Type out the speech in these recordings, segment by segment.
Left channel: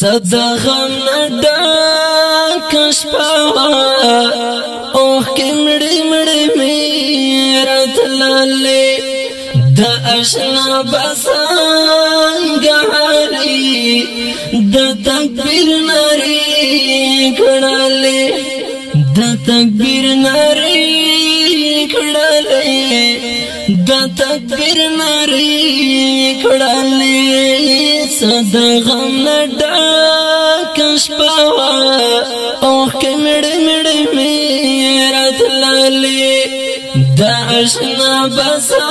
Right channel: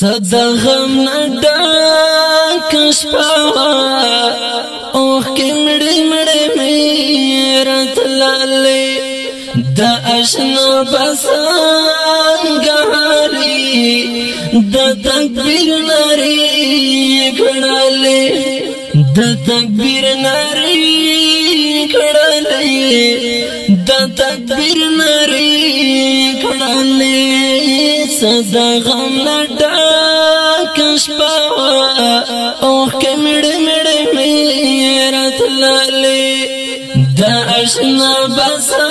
صدا غم نډک شپه اوه کې مړې مړې مې راتللې د آشنا بسنګاري د تکبیر نری کړلې د تکبیر نری کړلې د تکبیر نری کړلې صدا غم نډک شپه اوه کې مړې مړې مې راتللې د آشنا بسنګاري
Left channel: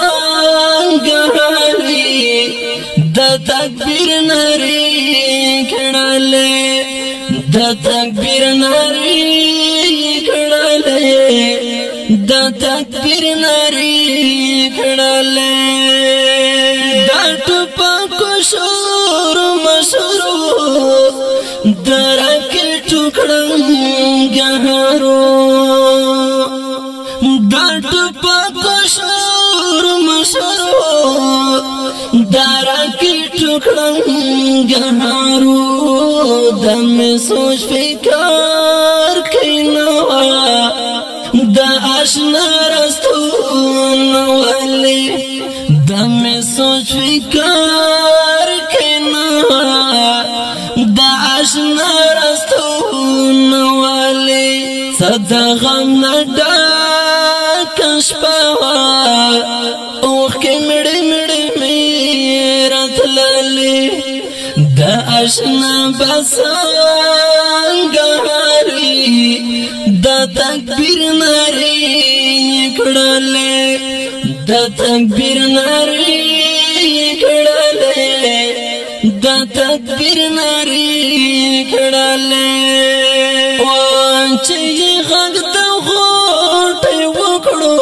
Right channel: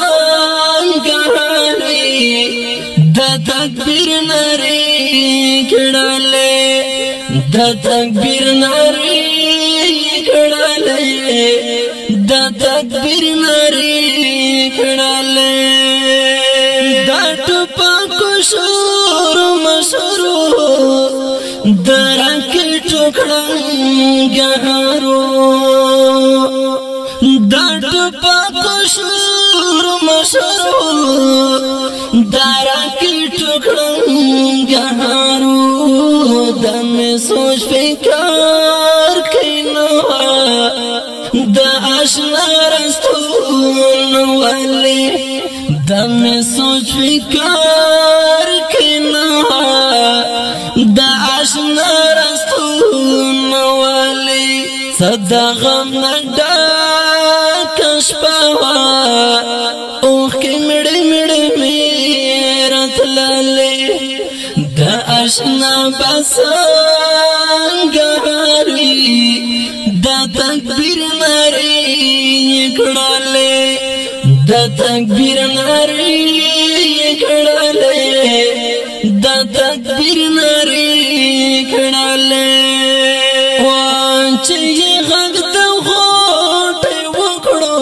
د تکبیر نری کړلې د تکبیر نری کړلې د تکبیر نری کړلې د ټوپکو شور مشورو درکې ټوکړنګهارو د ټوپکو شور مشورو درکې ټوکړنګهارو د مې سوچ فکر کینو د آشنا رستون ولې د مې سوچ فکر کینو د آشنا رستون ولې صدا غم نډک شپه اوه کې مړې مړې مې راتللې د آشنا بسنګاري د تکبیر نری کړلې د تکبیر نری کړلې د تکبیر نری کړلې چې غږ د غوټه وکړو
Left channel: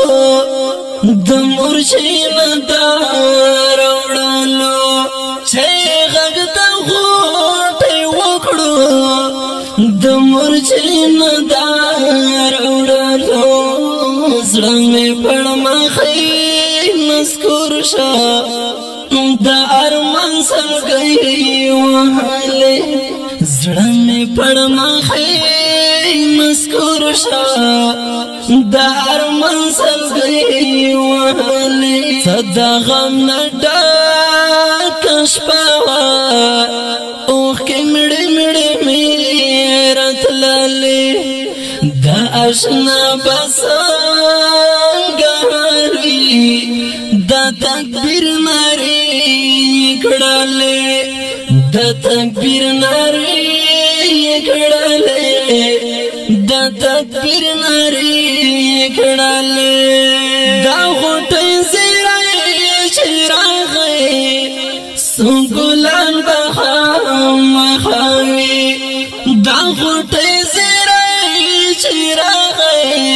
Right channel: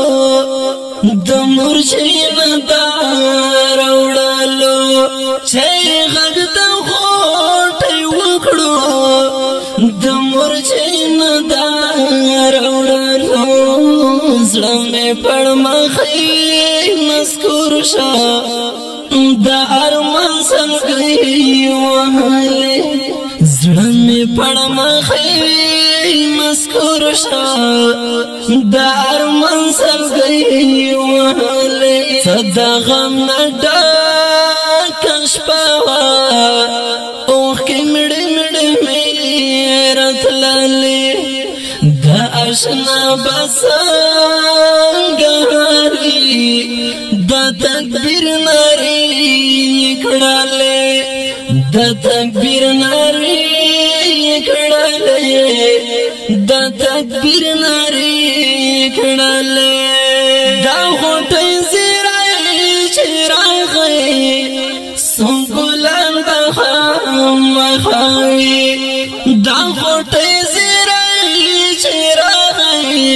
د مرشین دار وړلو چې غږ د غوټه وکړو د مرشین دار وړلو زړه مې پړمخې مسکور شه د ارمان سلګي وهلې زړه مې پړمخې مسکور شه د ارمان سلګي وهلې صدا غم نډک شپه اوه کې مړې مړې مې راتللې د آشنا بسنګاري د تکبیر نری کړلې د تکبیر نری کړلې د تکبیر نری کړلې دا غټې زیرای چراغې سنگلان بخام مخاوي دا غټې زیرای چراغې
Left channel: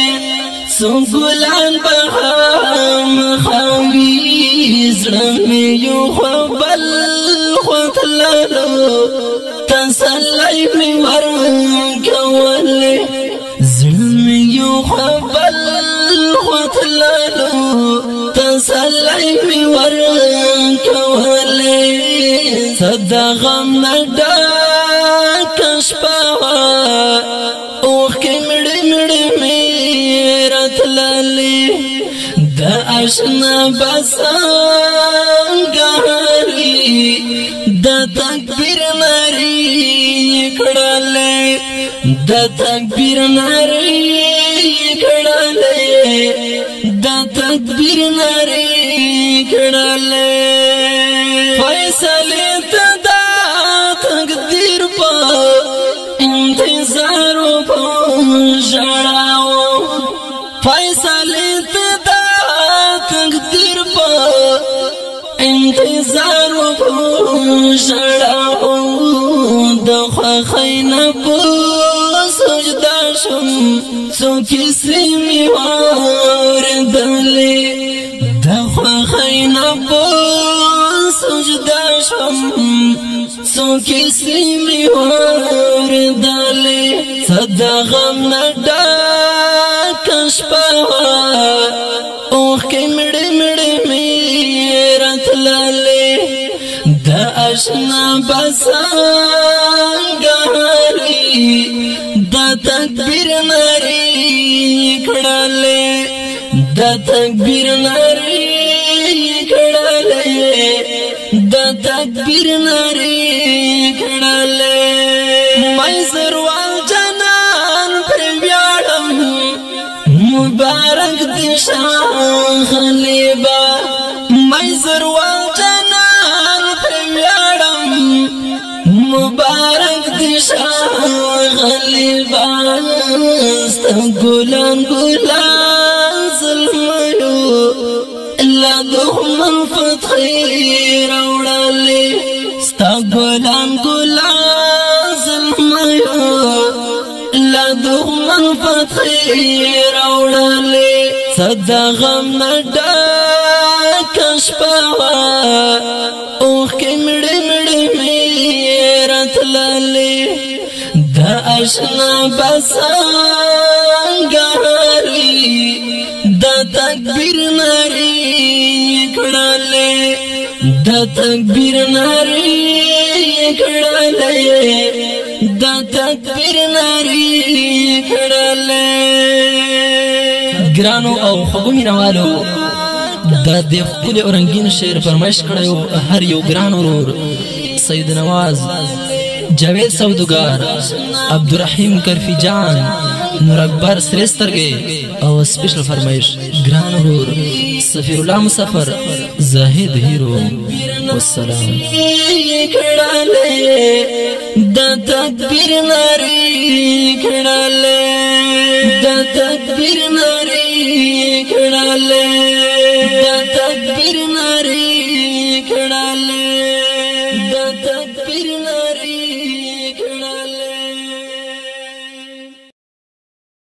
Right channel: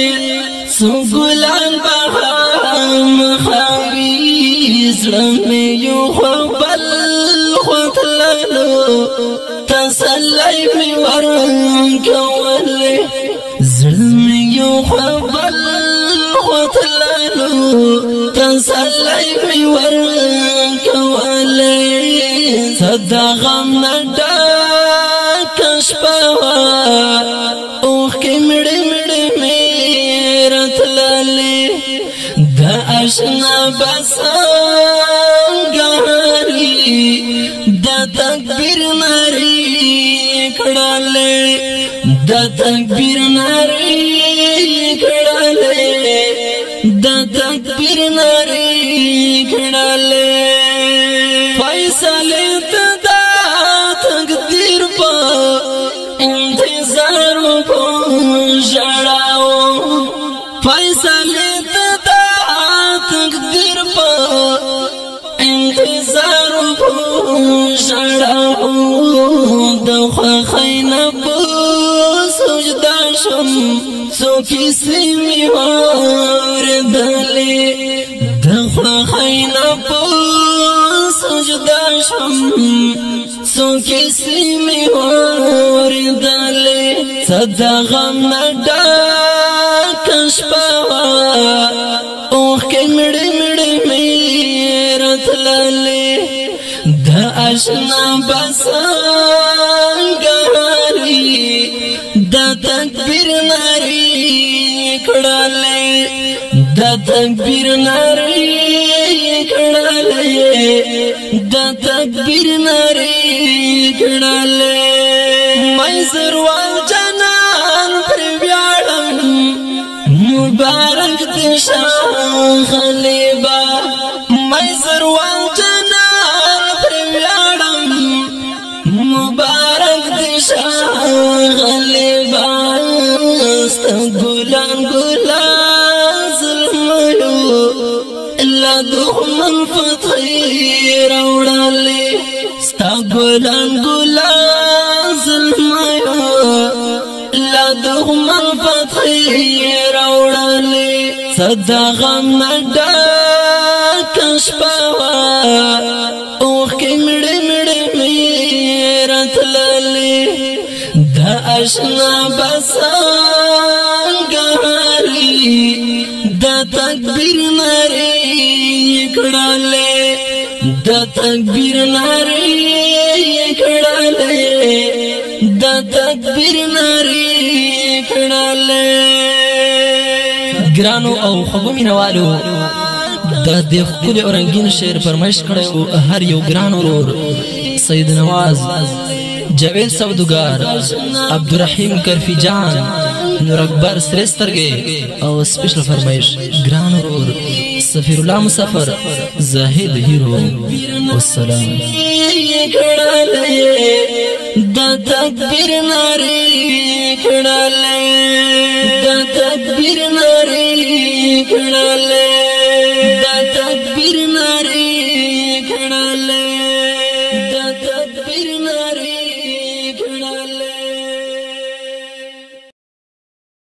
سنگلان بخام مخاوي زړه مې یو خپل خپللو تسلی مې ورکولې زړه مې یو خپل خپللو تسلی مې ورکولې صدا غم نډک شپه اوه کې مړې مړې مې راتللې د آشنا بسنګاري د تکبیر نری کړلې د تکبیر نری کړلې د تکبیر نری کړلې فیصله تدا تقدیر په انتظار په شړاو فیصله تدا تقدیر په انتظار په شړاو د خینا په سجدا شم څو کیسې می واردلې د خینا په سجدا شم څو کیسې می واردلې صدا غم نډک شپه اوه کې مړې مړې مې راتللې د آشنا بسنګاري دا تکبیر ناری کڑالے دا تکبیر ناری کڑالے میسر والجنان پر بیارم مبارک دشان خلیبا میسر والجنان پر بیارم مبارک دشان خلیبا ستا گلان گلان ظلمیو اللہ دخمن فتحی روڑالے ستا گلان گلان ظلمیو اللہ دخمن فتحی روڑالے صدا غم نڈا کشپاوا اوخ کے مڑے مڑے میرت لالے دا اشنا بسان گاری دا تکبیر ناری کڑالے دا تکبیر ناری کڑالے دا تکبیر ناری کڑالے گرانو او خوبو مینوالو دا دی خکل اورنگین شعر فرمائش کڑیو هر یو گران ورور سید نواز جاوید سودگار عبدالرحیم کرفی جان نور اکبر سریسترگے او سپیشل فرمائش گران ورور سفیر اللہ مسافر زاہد ہیرو والسلام دا تکبیر ناری کڑالے دا تکبیر ناری کڑالے